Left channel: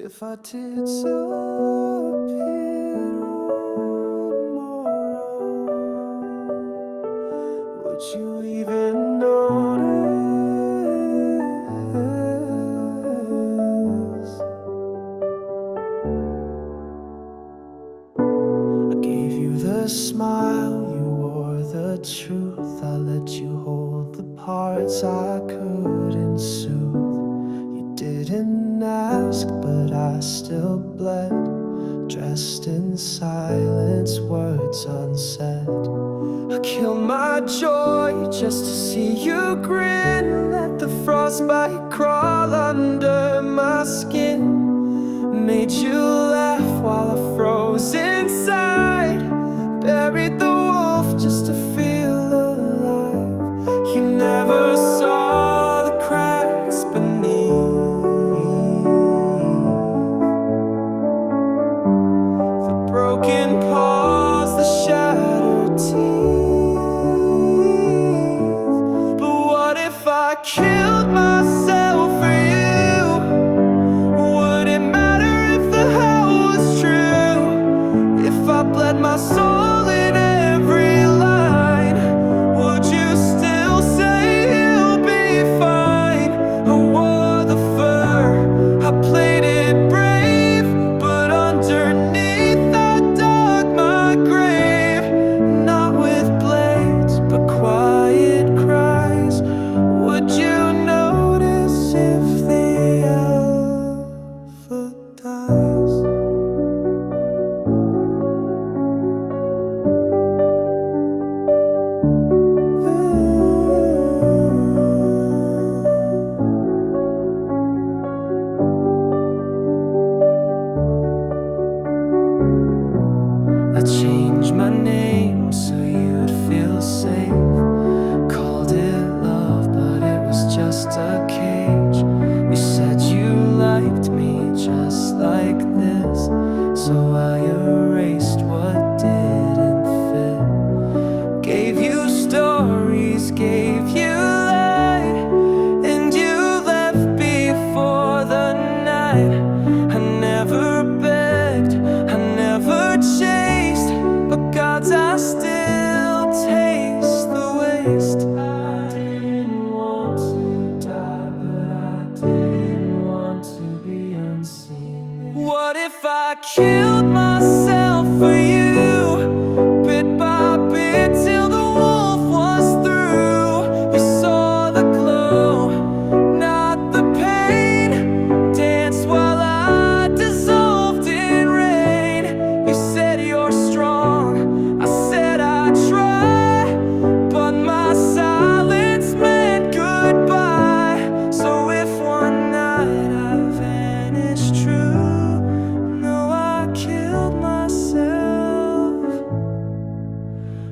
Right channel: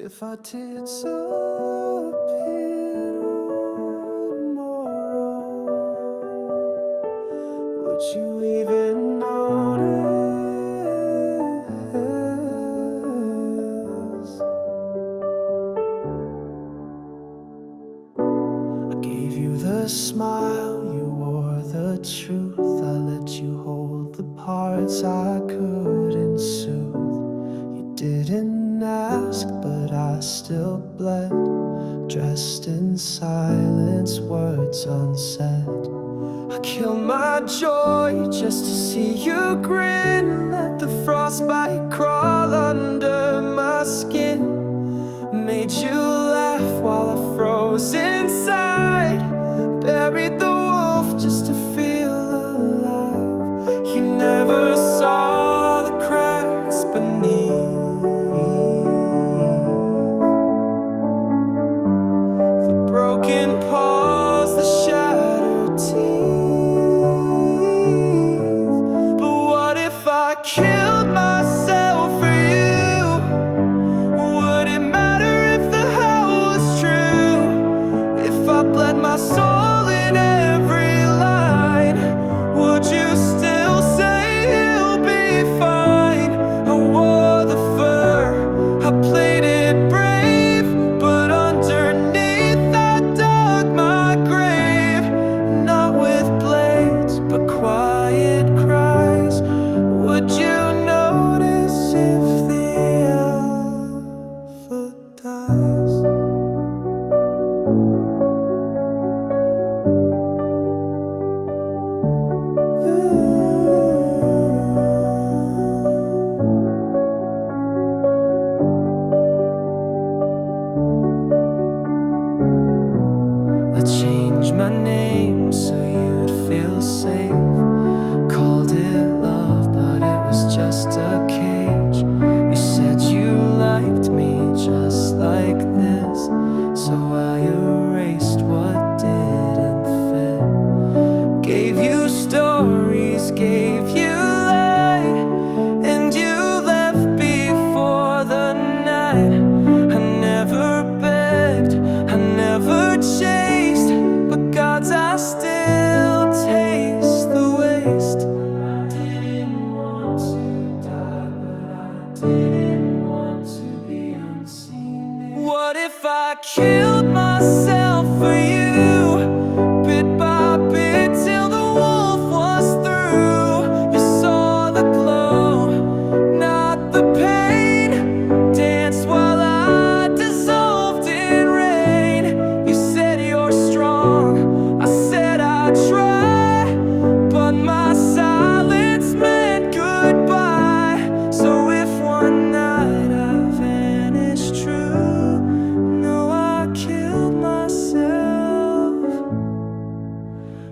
If I disappear tomorrow, would you even notice? I gave you the smile, you wore the truth. I let you hold the parts I couldn't soothe. Didn't ask, but I still bled, dressed in silence, words unsaid. I killed my joy just to see you grin, let the frostbite crawl under my skin. Made you laugh while I froze inside, buried the wolf just to feel alive. You never saw the cracks beneath, broken paws, the shattered teeth. But what if I killed myself for you? Would it matter if the hell was true? If I bled my soul in every line, would you still say you'll be fine? I wore the fur, I played it brave, but underneath but quiet cries. Would you notice if the alpha dies? I changed my name so you'd feel safe. Called it love, but it was just a cage. You said you liked me just like this, so I erased what didn't fit. Gave you stories, gave you light, and you left before the night. I never begged, I never chased, but God's I still taste the waste. I didn't want to die, but I didn't want to be unseen. What if I killed myself for you, bit by bit till the wolf was through? You saw the glow, not the pain, danced while I dissolved in rain. You said you're strong, I said I try, but my silence meant goodbye. So if one night I vanished true, no, I killed myself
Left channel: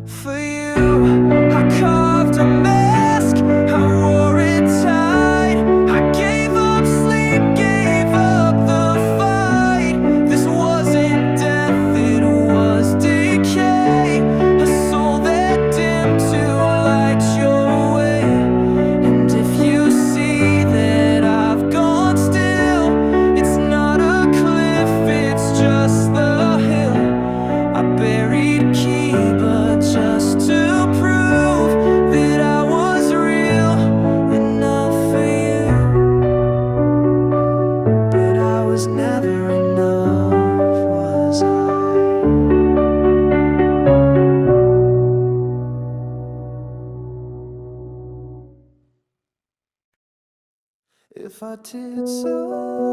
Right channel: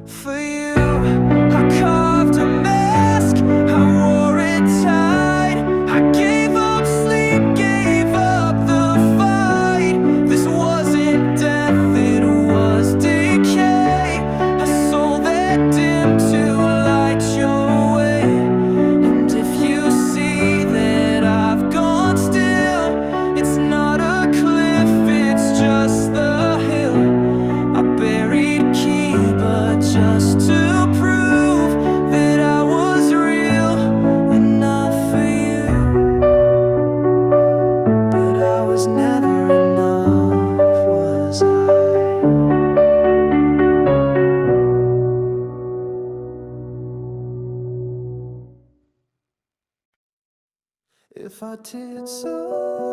for you. I carved a mask, I wore it tight. I gave up sleep, gave up the fight. This wasn't death, it was decay. A soul that dimmed to light your way. And if you see that I've gone still, it's not a cliff, it's just the hill. I buried key, but just to prove that I was real enough for you. But I was never enough, was I? If I disappear